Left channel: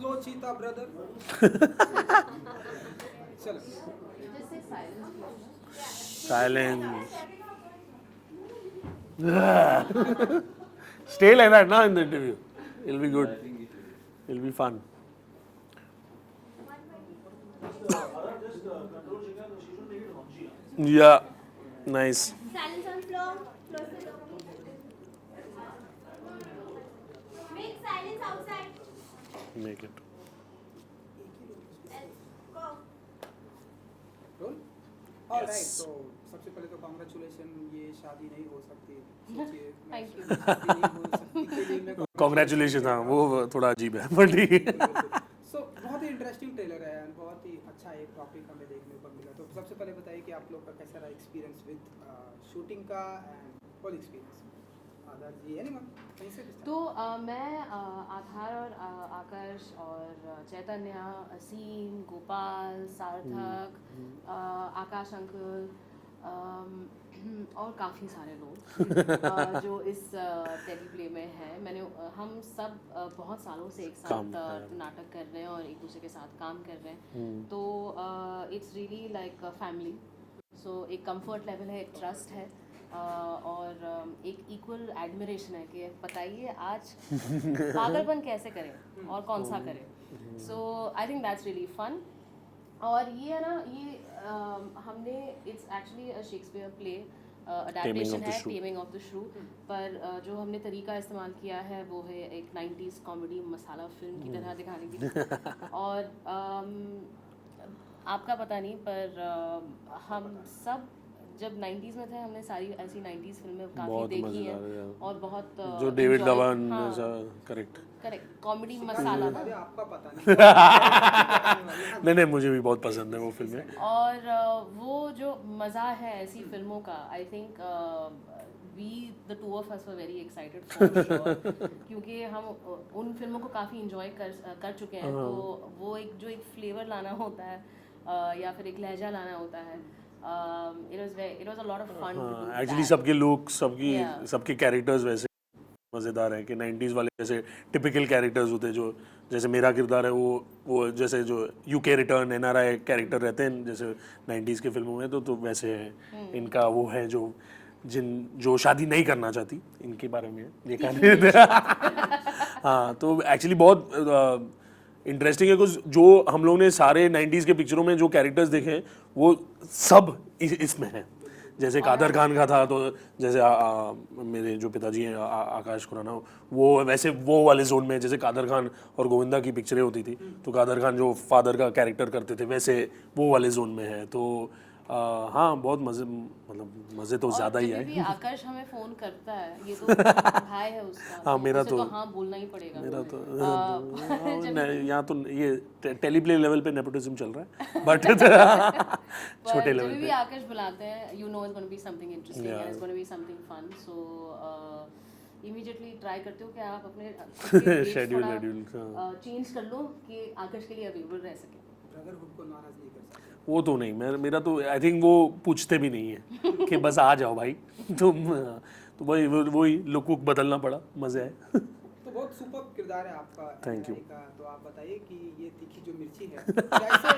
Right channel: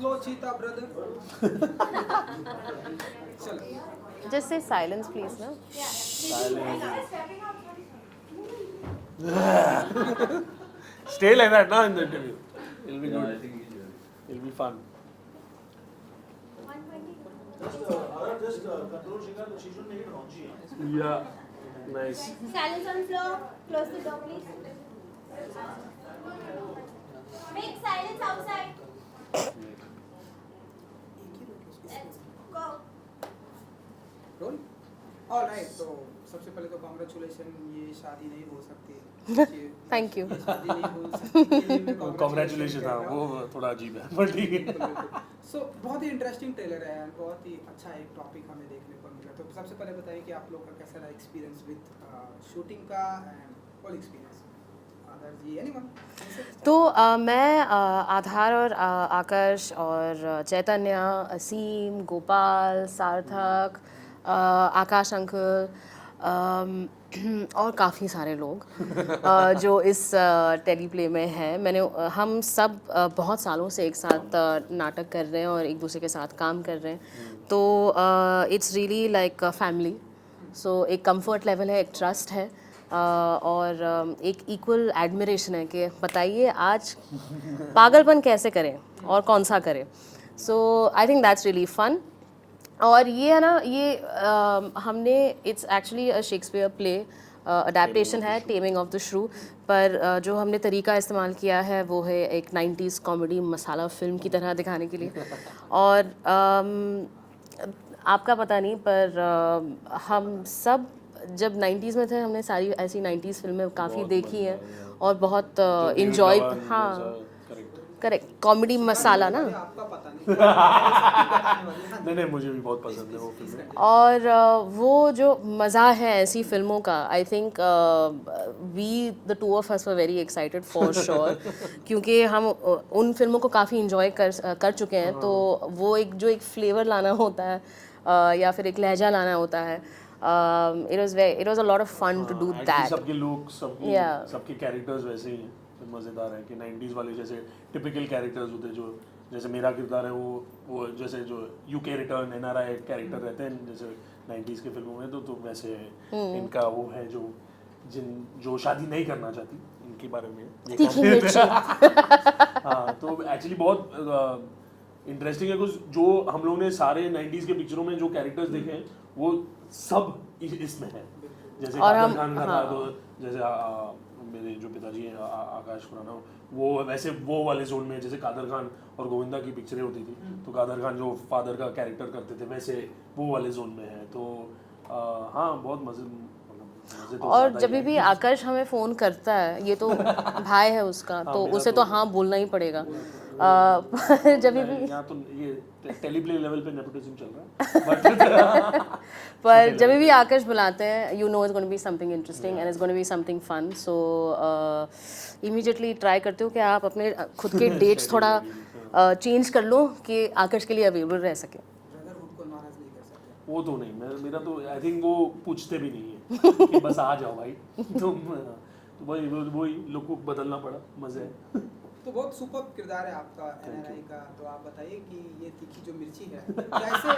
slow cheetah, brother. चलो. Just say silence, please, no? Silence. Stay like that, na, in the interview. It'll be good. It'll be fun. Yeah, nice. Silence on floor. Close the door, please. Make silence outside. Make it. Go. Roll. All right. तो सबसे पहले तो congratulation, ये शादी नहीं हो सकती. Thank you. शादी नहीं हो सकती. Congratulations, हाँ वो थोड़ा अजीब है but ठीक है. सो बहुत ही इंटरेस्टिंग ट्रेलर है and बहुत ही अच्छा एक टॉपिक हमें देखने को मिला. तो सबसे पहले बताइए कि आप लोग का कैसा रहा एक्सपीरियंस विद शूटिंग का एंड होल एक्सपीरियंस. आदर जी, एनीवन? तो मैं आधार और आकाश और चैतन्य, असीम, गोपाल, सार्थक, आकाश अंकल और काफ़ी सारे लोग जो इस टेली प्ले में हैं. हम सब बहुत सालों से एक साथ नाटक कर रहे हैं और एक दूसरे के साथ काम कर रहे हैं. तो इट्स रियली लाइक फैमिली. सो एक कंफर्ट लेवल है, एक ट्रस्ट है और एक इक्वल एडमिरेशन है कि बताइए आज पागलपन कैसे करें और कौन सा करें. So I think that's really fun. और ये है ना, ये हमने it's actually a Shakespeare play adaptation है, टेमिंग ऑफ द श्रू. पर जो हमने तरीका इस्तेमाल किया है वो है एक 90s कॉमेडी मसाला फिल्म की तरह दिखाने के लिए. और आपका पता नहीं पर हम सब जब 90s में थे हमने सारी ऐसी 90s फिल्में काफ़ी देखी हैं और बहुत इंजॉय. हाँ करेक्ट, कॉमेडी मसाला ना. आपका पता नहीं. नहीं मुझे भी बहुत पसंद है वो फिल्म. और वो जो मज़ा है ऐसी फिल्मों का, I think we the two of us were very excited for sure क्योंकि हम उन फिल्मों को काफ़ी इंजॉय कर चुके हैं. तो वो एक फ्लेवर लाना होता है या फिर एक लहजा लाना होता है. It was a lot of fun to do that. सबके लोग सबके कैरेक्टर्स वैसे ही मज़ेदार है कि 90s वाले जैसे टिपिकल कैरेक्टर्स होते हैं. जो जैसे मेरा किरदार है वो जैसे जो यूके रिटर्न NRI कैरेक्टर रहते हैं जैसे 90s के फिल्मों में तो वैसे है. इनका वो है जो शादी नहीं करना चाहती, इनके बारे में देखा. हाँ तो एक्चुअली बहुत इंटरेस्टिंग है कुछ जो हम लोग ने सारे 90s के पिक्चरों में जो कैरेक्टर्स देखे हैं वो सब इसमें है. जैसे कादर खान का था तो जैसे मेरे जो पिताजी हैं आकाश खुराना, वो वैसे वो वाले जोन में जैसे कादर खान और गोविंदा की पिक्चरें होती थी तो कादर खान जो फादर का कैरेक्टर करते थे वैसे वो वाले जोन में है. तो हाँ बहुत मज़े तो और ज़्यादा ही जब है. भी आकाश हमें फ़ोन करता है, ये तो भाई है उसका तो उसे तो हाँ बोलना ही पड़ेगा. जब भी यहाँ तो ये टेलीप्ले लेवल पे नेपोटिज्म चल रहा है बट पर जब भी आकाश बुलाते हैं you know it's gonna be something interesting and it's gonna be something fun. So immediately try करते हो कि आप अपने खुद के डेट्स थोड़ा चेंज कर लो कि आकाश के लिए अवेलेबल रह सके. ब्रदरहुड को नाराज नहीं कर सकते. वो तो नहीं, मेरा तो आई थिंक वो पूछते भी नहीं है कि बस आ जाओ भाई तुम. तो वही लुक बदलना पड़ा, मज़े है. तो बहुत सुपर किरदार है आपका NRI का. तो आप बताइए कि ये तीखी जो मिर्ची है कैसे.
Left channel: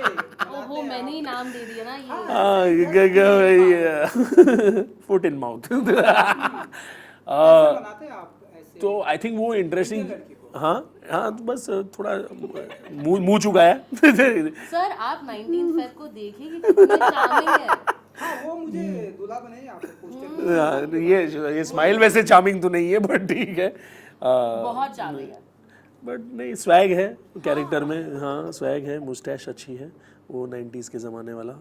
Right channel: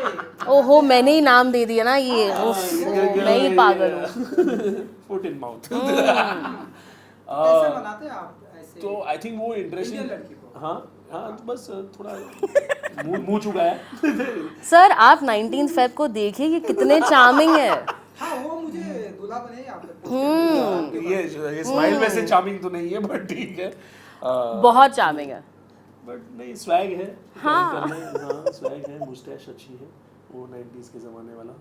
ओहो मैंने ही नाम दे दिया ना ये. नहीं पागल. Foot in mouth. कैसे बनाते हैं आप ऐसे. तो आई थिंक वो इंटरेस्टिंग. लड़की को. हाँ तो बस थोड़ा मुंह चुका है. सर आप 19 फेब को देखिए कि कितने चार्मिंग है. हाँ वो मुझे दूल्हा बने आप. ये स्माइल वैसे चार्मिंग तो नहीं है बट ठीक है. बहुत चार्मिंग है. बट नहीं स्वैग है कैरेक्टर में. हाँ स्वैग है, मुस्टैश अच्छी है वो 90s के ज़माने वाला.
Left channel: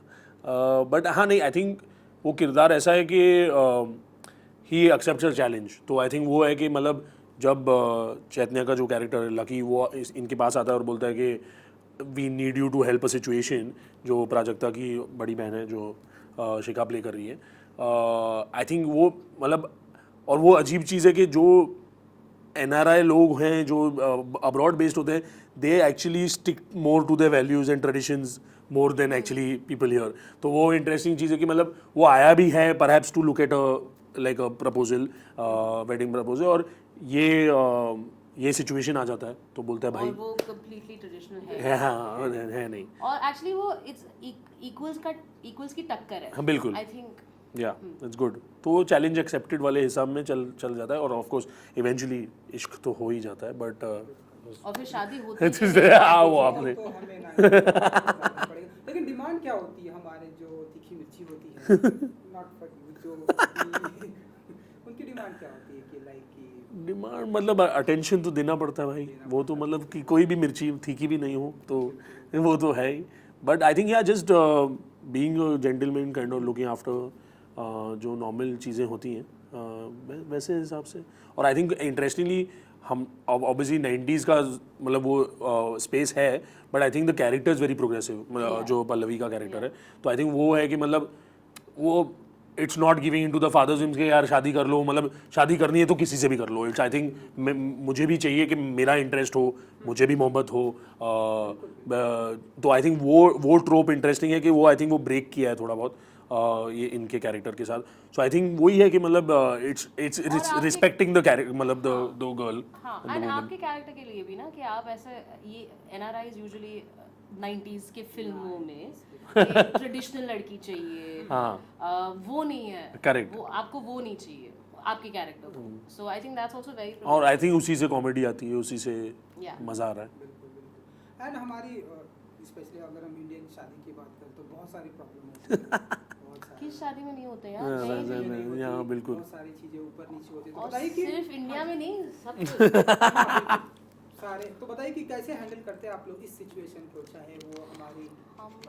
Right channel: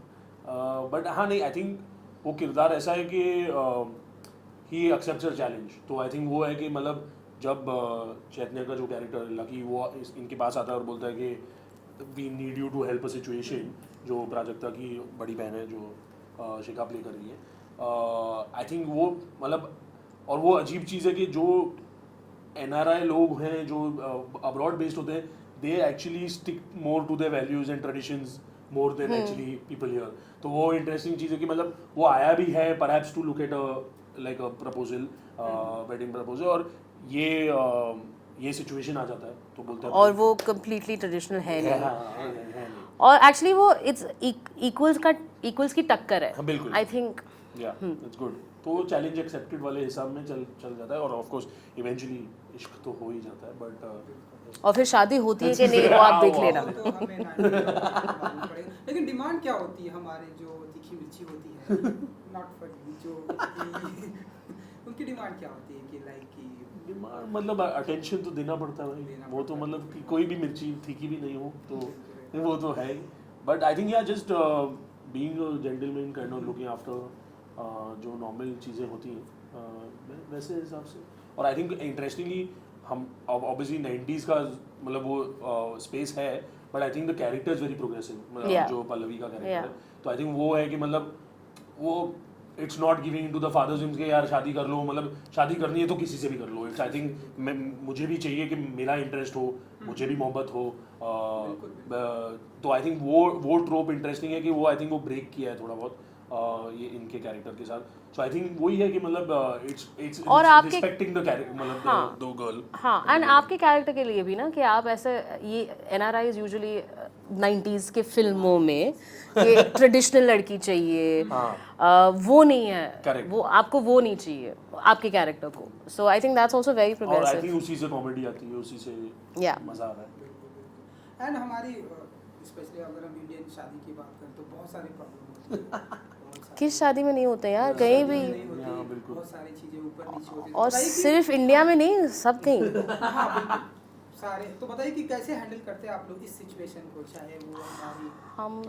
बट हाँ नहीं आई थिंक वो किरदार ऐसा है कि ही एक्सेप्ट्स अ चैलेंज. तो आई थिंक वो है कि मतलब जब चैतन्य का जो कैरेक्टर लकी वो इनके पास आता है और बोलता है कि we need you to help a situation, जो प्राजक्ता की बड़ी बहन है जो शिका प्ले कर रही है. आई थिंक वो मतलब और वो अजीब चीज़ है कि जो NRI लोग हैं जो अब्रॉड बेस्ड होते हैं they actually stick more to their values and traditions more than actually people here. तो वो इंटरेस्टिंग चीज़ है कि मतलब वो आया भी है perhaps to look at like a proposal, wedding proposal. और ये सिचुएशन आ जाता है तो बोलते हैं और वो completely traditional है है, नहीं। हाँ, है नहीं। और एक्चुअली वो इट्स इक्वल्स की टक्कर है। हाँ, बिल्कुल। आई थिंक या इट्स गुड। तो वो चैलेंज एक्सेप्टेड वाले हिसाब में चल जाता है और ऑफ कोर्स इवेंचुअली इश्क तो हो ही जाता है बट और फिर शादी होती है कि नहीं वो आप देख लेना। तो हमें ना पड़ेगा। लेकिन डिमांड क्या होती है हमारे जो तीखी मिर्ची होती है, नॉट फॉर जो उनकी डिमांड क्या होती है कि लाइक कि डिमांड मतलब अटेंशन तो देना पड़ता है भाई, वो तो मतलब कि कोई भी मिर्ची तीखी भी नहीं हो तो वो तो है ही। बट आई थिंक या just being a gentleman kind of looking after जो नॉर्मल चीज़ें होती हैं वैसे हिसाब से। और आई थिंक इंटरेस्टिंगली हम ऑब्वियसली 90s का मतलब वो स्पेस है but I think the character is very progressive जो पल्लवी का कैरेक्टर है। तो आई थिंक वो है कि मतलब वो it's not giving in to the father's dreams के यार शादी कर लो, मतलब शादी करनी है तो किसी से भी कर लो। इट्स आई थिंक मुझे भी चाहिए कि मेरा इंटरेस्ट हो, मुझे भी मोहब्बत हो। तो आई थिंक वो ट्रोप इंटरेस्टिंग है कि वो आई थिंक वो ब्रेक किया है थोड़ा बहुत ये इनके कैरेक्टर के साथ। सो आई थिंक वही है कि मतलब इट्स रिस्पेक्टिंग द कैरेक्टर मतलब दो गर्ल। हाँ एंड आपके कैरेक्टर के लिए भी ना कि आप ऐसे ये NRIs यूजुअली 90s के फिल्मों में कि ट्रेडिशनल लड़की चाहिए, वो नहीं है। Correct. वो आपको वो नहीं चाहिए आपके कैरेक्टर को। So I think that's also very और आई प्रोग्रेसिव। थिंक उसी से कॉमेडी आती है, उसी से Yeah. मज़ा आ रहा है। एंड हमारी स्पेशली अगर हम इंडियन शादी की बात करें तो बहुत सारी प्रॉब्लम होती है। किस शादी में नहीं होते यार, कहीं भी। हाँ बिल्कुल। बहुत सारी चीजें ऊपर नीचे होती हैं। और बताइए कि- सिर्फ इंडिया में नहीं, सब कहीं। हाँ, बिल्कुल। सारे तो बताइए कि कैसे हैंडल करते हैं आप लोग इस सिचुएशन को, चाहे वो हमारी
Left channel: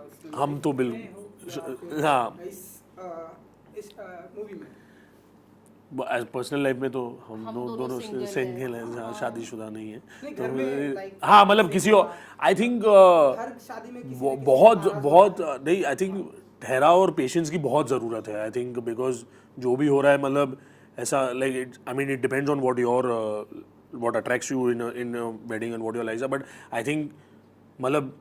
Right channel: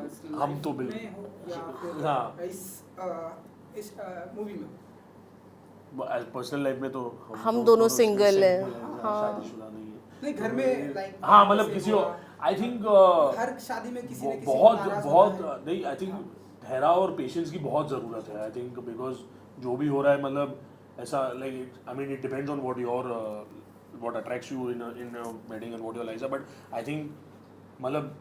personal हम तो life बिल्कुल- में हो या फिर हाँ। इस मूवी में। पर्सनल लाइफ में तो हम दोनों single हैं। हैं, शादीशुदा नहीं है। नहीं घर में लाइक हाँ मतलब किसी और आई थिंक हर शादी में किसी न किसी बहुत को नाराज बहुत होता है। नहीं आई थिंक ठहराव और पेशेंस की बहुत ज़रूरत है। आई थिंक बिकॉज जो भी हो रहा है मतलब ऐसा like it I mean it depends on what attracts you in wedding and what your likes. But I think मतलब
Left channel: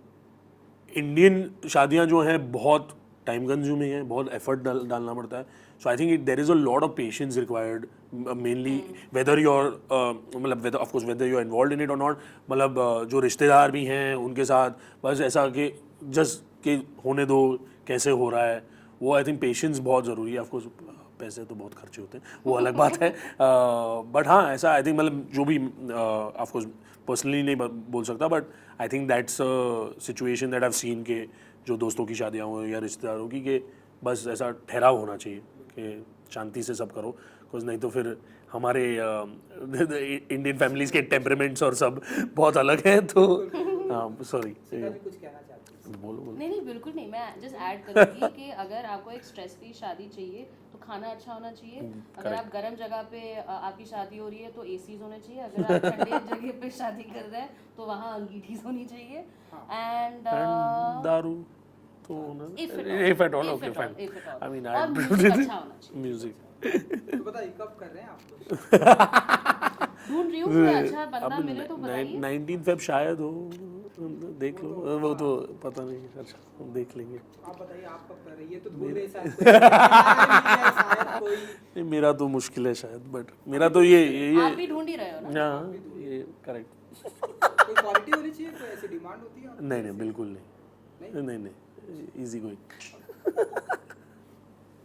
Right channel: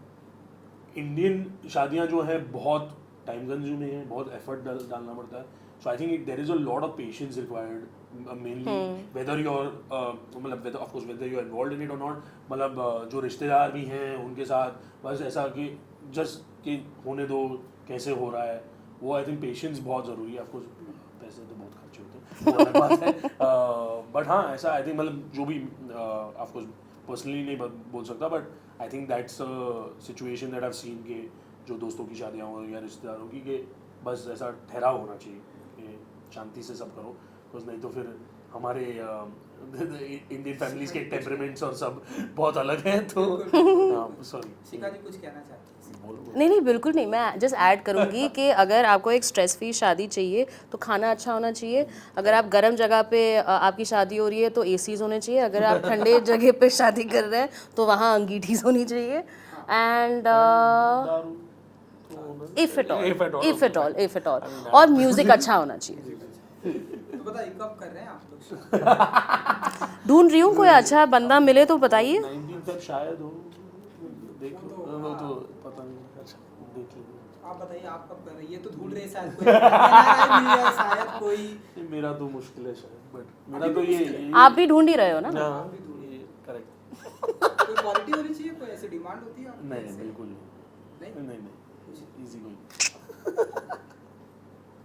इंडियन शादियां जो हैं बहुत टाइम कंज्यूमिंग है, बहुत एफर्ट डालना पड़ता है। So I think there is a lot of patience required mainly whether you are मतलब whether of course whether you are involve in it और नॉट। मतलब जो रिश्तेदार भी हैं उनके साथ बस ऐसा कि जस्ट कि होने दो, कैसे हो रहा है, वो आई थिंक पेशेंस बहुत ज़रूरी है। ऑफ कोर्स पैसे तो बहुत खर्चे होते हैं, वो अलग बात है। बट हाँ ऐसा आई थिंक मतलब जो भी ऑफ कोर्स पर्सनली नहीं बोल सकता but I think that's situation that I seen के जो दोस्तों की शादियाँ हो या रिश्तेदारों की कि बस ऐसा ठहराव होना चाहिए कि शांति से सब करो। बिकॉज नहीं तो फिर हमारे इंडियन फैमिलीज के टेम्परामेंट्स और सब बहुत अलग हैं। तो सॉरी शिखा जी कुछ कहना चाहते हैं? नहीं नहीं बिल्कुल नहीं, मैं जस्ट ऐड करूँगी कि अगर आपको एक स्ट्रेस फ्री शादी चाहिए तो खाना अच्छा होना चाहिए। अगर आप गर्म जगह पे आपकी शादी हो रही है तो ACs होने चाहिए। अगर आप ठंडे जगह पे शादी कर रहे हैं तो वहाँ अंगीठीज होनी चाहिए। एंड दारू तो if at all I mean, और म्यूजिक अच्छा होना चाहिए। म्यूजिक तो बताइए कब कर रहे हैं आप लोग? ढूंढ रही हूँ कोई अच्छा बंदा मिले तो बताइए। 19 फेब शायद हो, देख लो। वो तो पता नहीं, अच्छा देख लेंगे। आप बताइए आप कब कर रहे हैं? ये तो ढूंढ रहे हैं शायद कोई शायद कोई नहीं, मेरा तो मुश्किल है शायद बट मेरा तो ये आप भी ढूंढ ही रहे हो ना। ये करेक्ट। कोई क्वालिटी होनी चाहिए, कोई ऐसी डिमांड होती है? नहीं बिल्कुल नहीं नहीं नहीं इजी गोइंग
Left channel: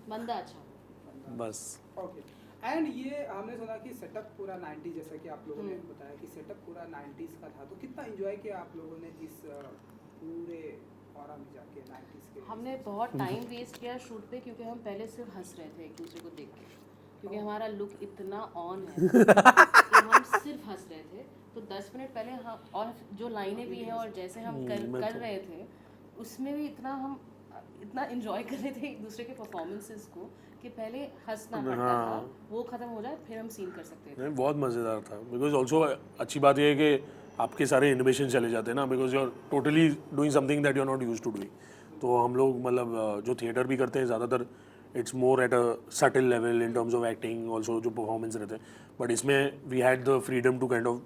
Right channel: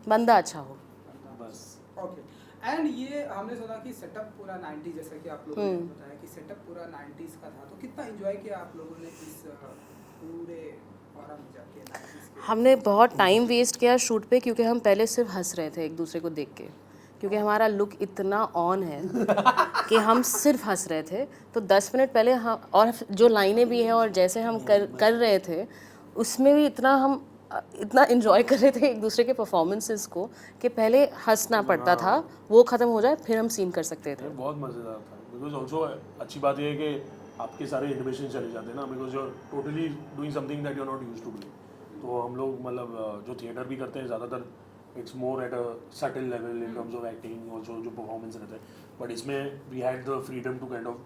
बंदा अच्छा हो बस। ओके। एंड ये हमने सुना कि सेटअप पूरा 90 जैसा कि आप लोगों ने बताया कि सेटअप पूरा 90s का था, तो कितना एंजॉय किया आप लोगों ने इस पूरे ऑरा में जाके 90s के? हमने बहुत टाइम वेस्ट किया शूट पे क्योंकि हम पहले सिर्फ हंस रहे थे एक दूसरे को देख के, क्योंकि हमारा लुक इतना ऑन है कि हम सिर्फ हंस रहे थे। तो 10 मिनट पहले हम और जो लाइनें भी हैं और जैसे हम कर रहे थे उसमें भी इतना इन्जॉय कर रहे थे एक दूसरे के परफॉर्मेंसेस को कि पहले हंसना पड़ता था, वो ख़त्म हो जाए फिर हम सीन कर सकते थे। बहुत मज़ेदार था। बिकॉज ऑल्सो अच्छी बात ये है कि आपके सारे इनोवेशन चले जाते हैं ना, because you are totally doing something that you are not used to doing. तो हम लोग मतलब जो थिएटर भी करते हैं ज़्यादातर it's more at a subtle level in terms of acting also जो परफॉर्मेंस रहते हैं। बट इसमें we had the freedom to kind of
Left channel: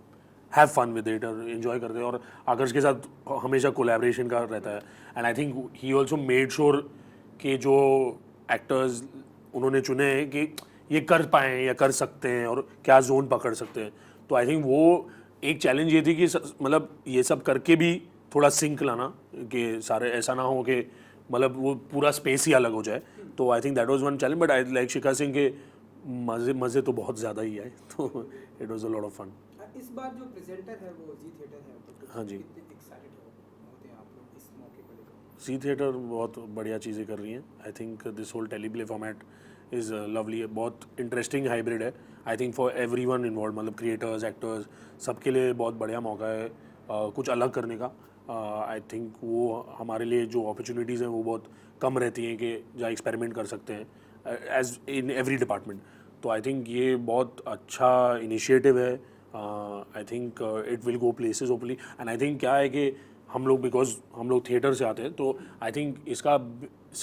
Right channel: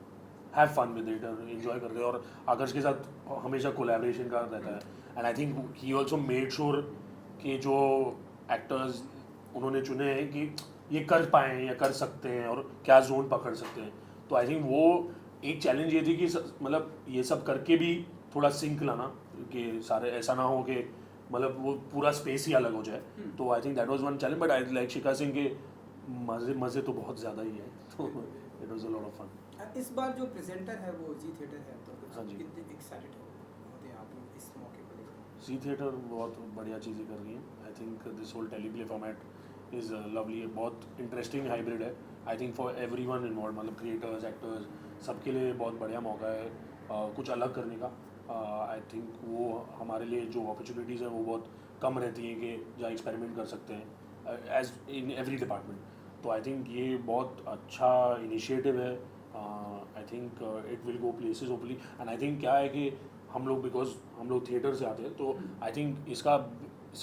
have fun with it और इन्जॉय करते हैं। और आकर्ष के साथ हमेशा कोलैबोरेशन का रहता है। And I think he also made sure कि जो एक्टर्स उन्होंने चुने हैं कि ये कर पाएँ या कर सकते हैं और क्या जोन पकड़ सकते हैं। तो आई थिंक वो एक चैलेंज ये थी कि मतलब ये सब करके भी थोड़ा सिंक लाना कि सारे ऐसा ना हो कि मतलब वो पूरा स्पेस ही अलग हो जाए, तो I think that was one challenge, but I like Shikha Singh के मज़े तो बहुत ज़्यादा ही आए, तो it was a lot of fun. इस बार जो प्रेजेंटर है वो जी थिएटर है, तो हाँ जी। कितने एक्साइटेड होते हैं आप लोग इस मौके को लेकर? सी थिएटर बहुत बढ़िया चीज़ें कर रही हैं। I think this whole teleplay format is lovely, बहुत इंटरेस्टिंग हाइब्रिड है। I think for everyone involve, मतलब क्रिएटर्स, एक्टर्स, सबके लिए बहुत बढ़िया मौका है कुछ अलग करने का। आई थिंक वो हमारे लिए जो अपॉर्चुनिटीज़ हैं वो बहुत कम रहती हैं कि जहाँ एक्सपेरिमेंट कर सकते हैं एज इन एवरी डिपार्टमेंट। तो आई थिंक ये बहुत अच्छा इनिशिएटिव है। I think it will go places hopefully, and I think क्या है कि हम लोग, बिकॉज हम लोग थिएटर से आते हैं, तो आई थिंक इसका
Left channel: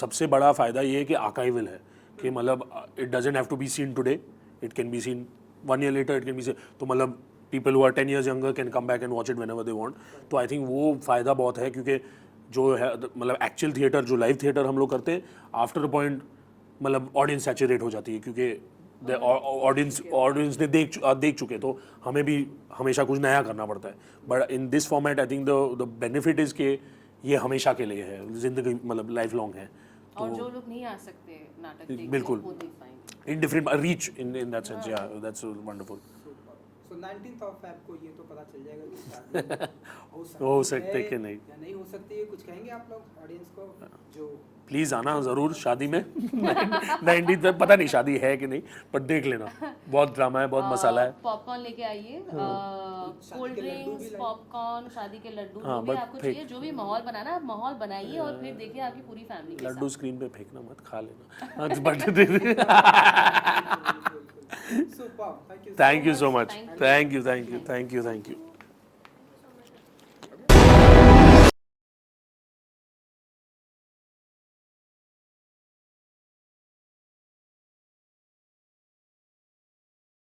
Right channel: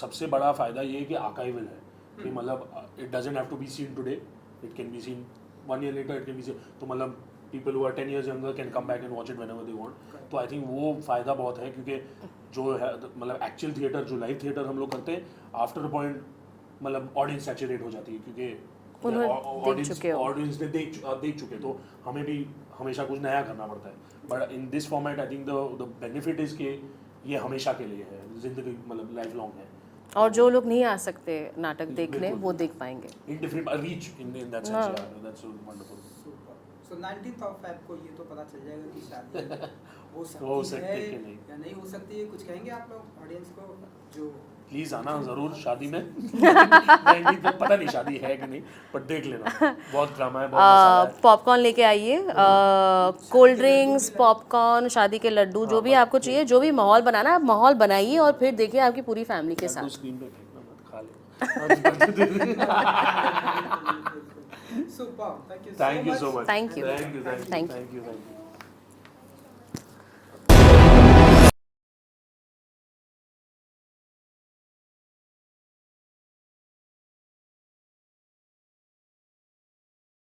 सबसे बड़ा फ़ायदा ये है कि आर्काइवल है, कि मतलब it doesn't have to be seen today, it can be seen 1 year later, it can be seen, तो मतलब people who are 10 years younger can come back and watch it whenever they want. तो I think वो फ़ायदा बहुत है, क्योंकि जो है मतलब एक्चुअल थिएटर, जो लाइव थिएटर हम लोग करते हैं, आफ्टर अ पॉइंट मतलब ऑडियंस सैचुरेट हो जाती है, क्योंकि ऑडियंस ने देख चुके, तो हमें भी हमेशा कुछ नया करना पड़ता है। But in this format I think the benefit is कि ये हमेशा के लिए है, जिंदगी मतलब लाइफ लॉन्ग है। और जो लोग नहीं आ सकते नाटक देखने, बिल्कुल। वो देख पाएंगे in different reach in that sense, या that's wonderful. So 19th of Feb को ये तो पता चल जाएगा कि शादी हो सकती है कि नहीं। या नहीं हो सकती है। कुछ कहेंगे आप लोग ऑडियंस को जो प्लीज़ आना ज़रूर शादी में 90 तक, पता नहीं शादी है कि नहीं, पर देख लेना, बहुत ड्रामा है, बहुत मसाला है। पॉपकॉर्न लेके आइए, कोल्ड ड्रिंक्स, पॉपकॉर्न, शादी के लड्डू, जो भी आपको चाहिए, जो भी माहौल बनाना है आप माहौल बनाइए, और फिर देखिए आपकी पूरी फैमिली के लड्डू साथ। स्क्रीन पे फेंकना मत, खा लेना। Super, thank you thank you so much, Thank you. Thank you, thank you, Thank you. Thank you, thank you.